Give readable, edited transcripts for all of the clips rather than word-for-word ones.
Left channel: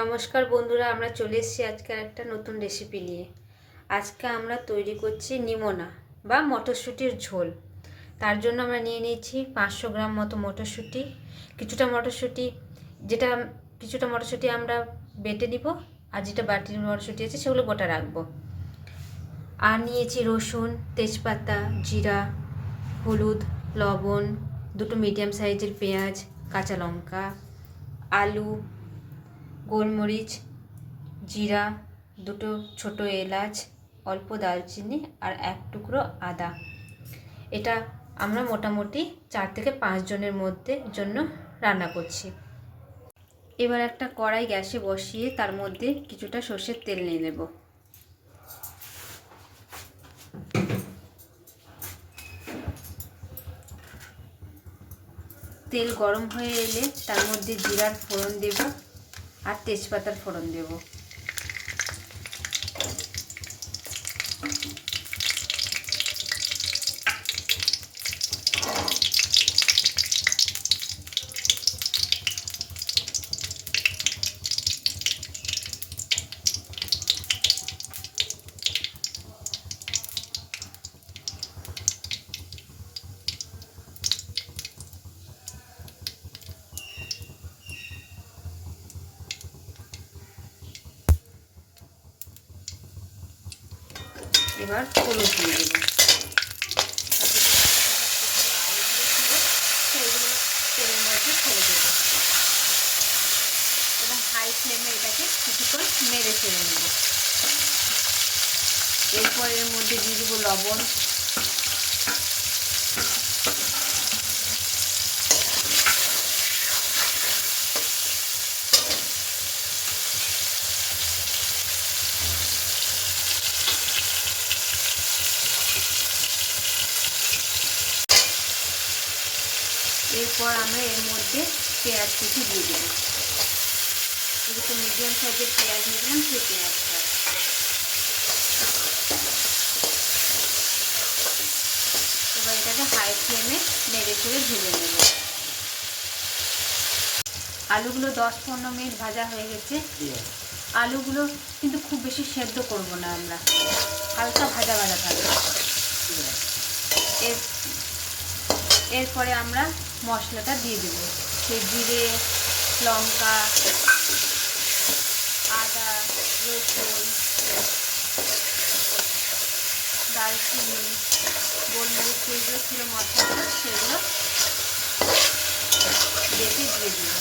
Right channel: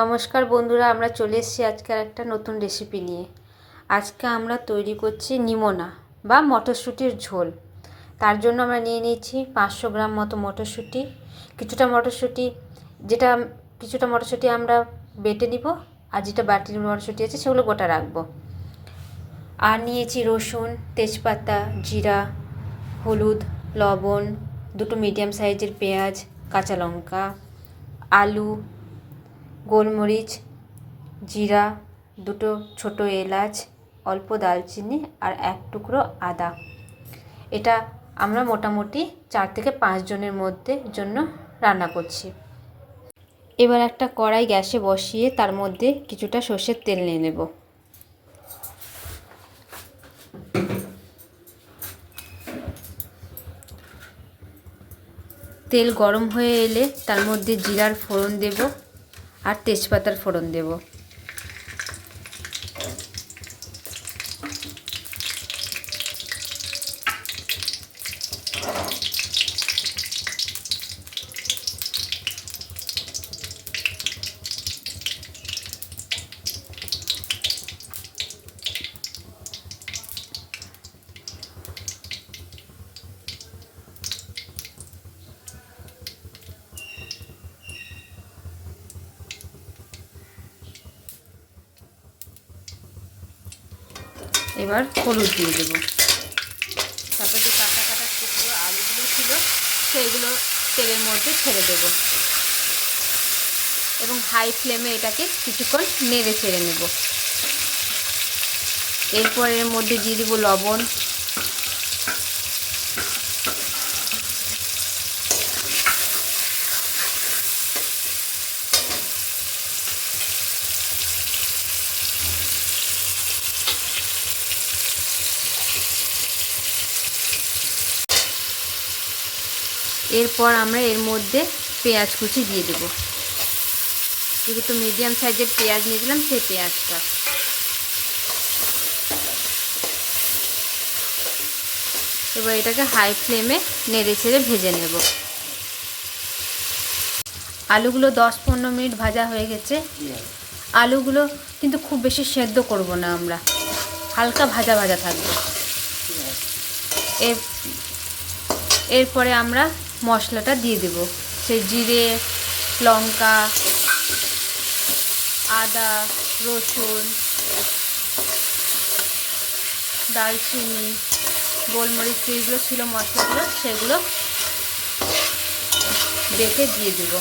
নমস্কার বন্ধুরা, আমরা চলে এসেছি আজকের একটা নতুন রেসিপি নিয়ে। আজকে আমরা তৈরি করছি নিমোনা বা মটরশুঁটির ঝোল। তার জন্য আমরা নিয়ে নিয়েছি 500 গ্রাম মতো মটরশুঁটি। কিছুটা মটরশুঁটি আমরা বেটে নিব, আর যেটা বাটির মটরশুঁটি আছে সেগুলো গোটা রাখবো। আর নিয়েছি রসুন, তেজপাতা, জিরা, হলুদ, লবণ, দুটো মিডিয়াম সাইজের পেঁয়াজ, কাঁচা লঙ্কা, আলু, গোলমরিচ, জিরা, দুটো ছোট এলাচ, অল্প দালচিনি আর এক টুকরো আদা। এটা আমরা মোটামুটি 4 থেকে 5 জনের জন্য রান্না করছি। এবার একটা কড়াই গ্যাসে বসিয়ে তার মধ্যে কিছুটা সর্ষের তেল নিয়ে নেব। তেল গরম হয়ে এলে তার মধ্যে জিরার ফোড়ন দেব আর তেজপাতার ফোড়ন দেব। এবার হলুদ দিয়ে দেবো। তারপর যে কাটা কাটা টুকরো আলুগুলো ছিল সেগুলো তেলের মধ্যে ছেড়ে দেবো এবং হাই ফ্লেমে এটাকে কিছুক্ষণ নেড়ে ছেড়ে নেব। এরপর এর মধ্যে দিয়ে দেবো লবণ, এরপর আমরা এর মধ্যে পেঁয়াজ কুচি দিয়ে দেবো। যেহেতু মিডিয়াম সাইজের পেঁয়াজ নিয়েছিলাম সেই পেঁয়াজটা। এবার এটাকে হাই ফ্লেমে নেড়ে চেড়ে ভেজে নেব। আলুগুলো 10-15 মিনিট ভাজা হয়ে গেছে। আলুগুলো কিন্তু খুব বেশি সেদ্ধ করব না, আমরা হালকা ভাজা ভাজা থাকবে। এরপরে আমরা মশলাটা দিয়ে দেব। সেই জিরে, লঙ্কা, আদা, রসুন, দারচিনি, গোলমরিচ, যেগুলো ছিল মশলাগুলো সেগুলো বেটে দিয়ে দেব।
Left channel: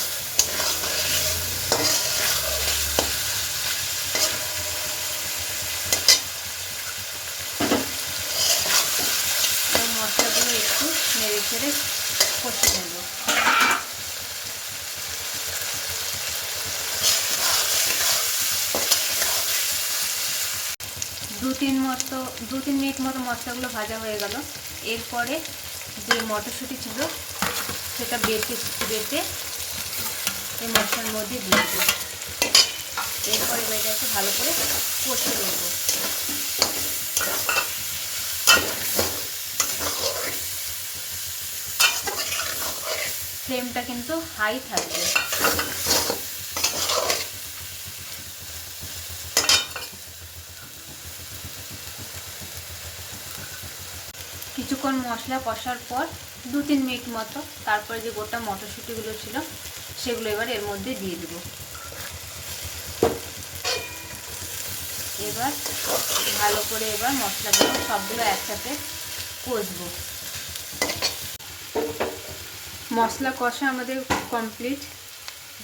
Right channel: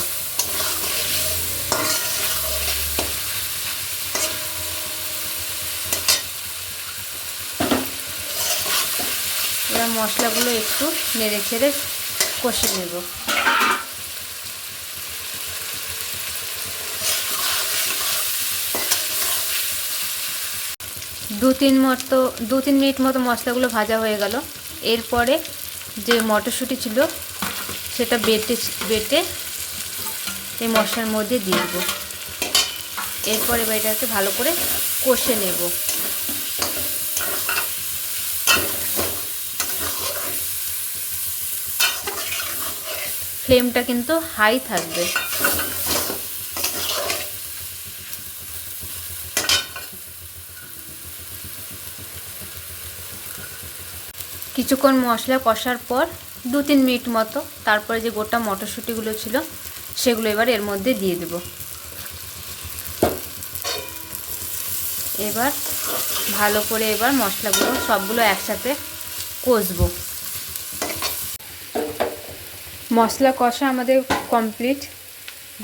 এবার মশলাগুলো একটু নেড়ে চেড়ে কষে নেব। দু তিন মিনিট মতো মশলাগুলো ভাজা হয়ে গেল। এরপরে যে মটরশুঁটি ছিল সেটা বেটে এই মশলার মধ্যে দিয়ে দেবো। এরপরে এটাকে ভালো করে কষে নেব। ফ্লেমটা কিন্তু হাই থাকবে। কিছুক্ষণ মশলা কষার পর 2-3 মিনিট মতো তারপরে যে গোটা মটরশুঁটিগুলো ছিল সেগুলো এবার এর মধ্যে দিয়ে দেব। এবার ভালো করে মশলাগুলো সবগুলো একসাথে কষবো। মশলা কষা আমাদের কমপ্লিট।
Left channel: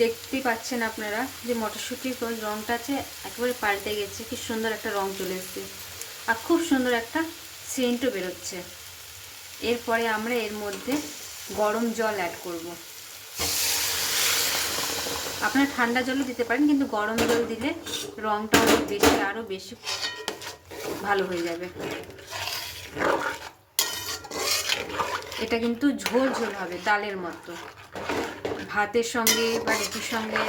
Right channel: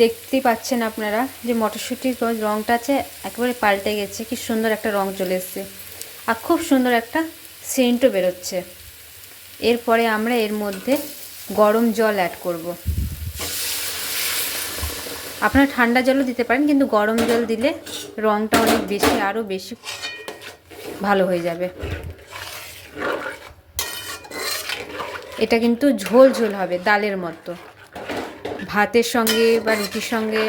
দেখতেই পাচ্ছেন আপনারা যে মটরশুঁটির রঙটা আছে একেবারে পাল্টে গেছে, কি সুন্দর একটা রঙ চলে এসেছে আর খুব সুন্দর একটা সেন্টও বেরোচ্ছে। এরপরে আমরা এর মধ্যে গরম জল অ্যাড করব। আপনারা ঠান্ডা জলও দিতে পারেন, কিন্তু গরম জল দিলে রঙটা অনেক বেশি আরও বেশি ভালো হয়ে যাবে। এটা কিন্তু ঝোল ঝোল হবে, ডালের মতো। ভাতের সঙ্গে বা রুটির সঙ্গে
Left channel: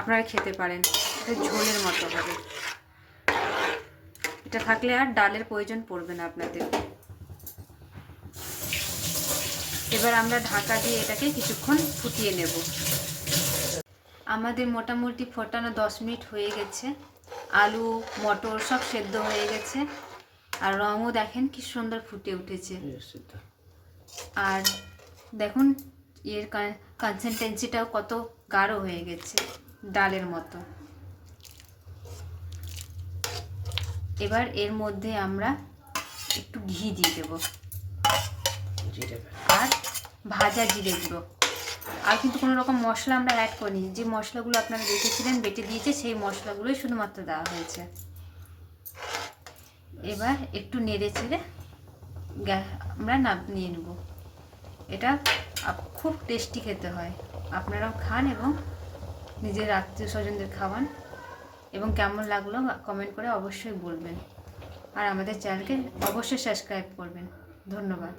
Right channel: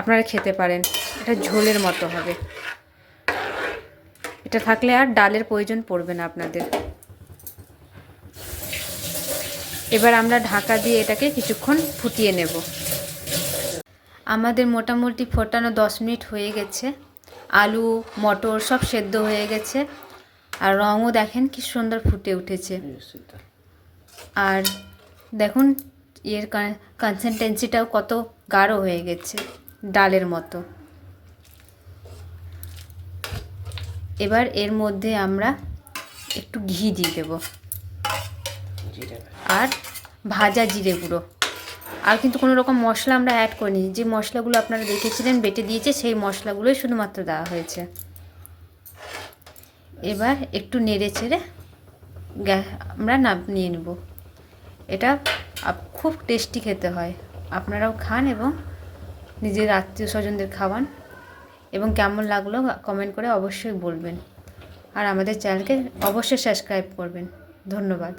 আপনারা খেতে পারেন। এটা ঝোলের মতো হবে। এটা থাকলে আর ডালের প্রয়োজন পড়বে না আপনাদের। এবার আমরা ঢাকা দিয়ে এটাকে কিছুক্ষণ ফুটিয়ে নেব। আমাদের মোটামুটি ফোটানো 10 মিনিট হয়ে গেছে। আলু মটর সব সেদ্ধ হয়ে গেছে, আর রঙও দেখেন কি সুন্দর ফুটে উঠেছে। আর দেখুন এর কনসিস্টেন্সিটাও কত গাঢ় হয়ে গেছে, ডালের মতো। এবার এর মধ্যে আমরা একটু ঘি দিয়ে দেবো আর ভাজা জিরে গুঁড়ো। আর কিন্তু কোনো রকম মশলা আমরা অ্যাড করিনি, যে মশলাগুলো আপনারা দেখেছিলেন বেটে দিয়েছে সেই মশলাগুলোই শুধুমাত্র দেওয়া হয়েছে। এবার একটু নেড়ে চেড়ে আমরা নিয়ে নেব। এটা খুব টেস্টি খেতে হয়, আপনারাও খান এবং নিজের আত্মীয় স্বজনদের খাওয়ান, এবং কেমন লাগলো কমেন্ট করে অবশ্যই বলবেন। আর আমাদের চ্যানেলকে অবশ্যই সাবস্ক্রাইব করবেন। ধন্যবাদ।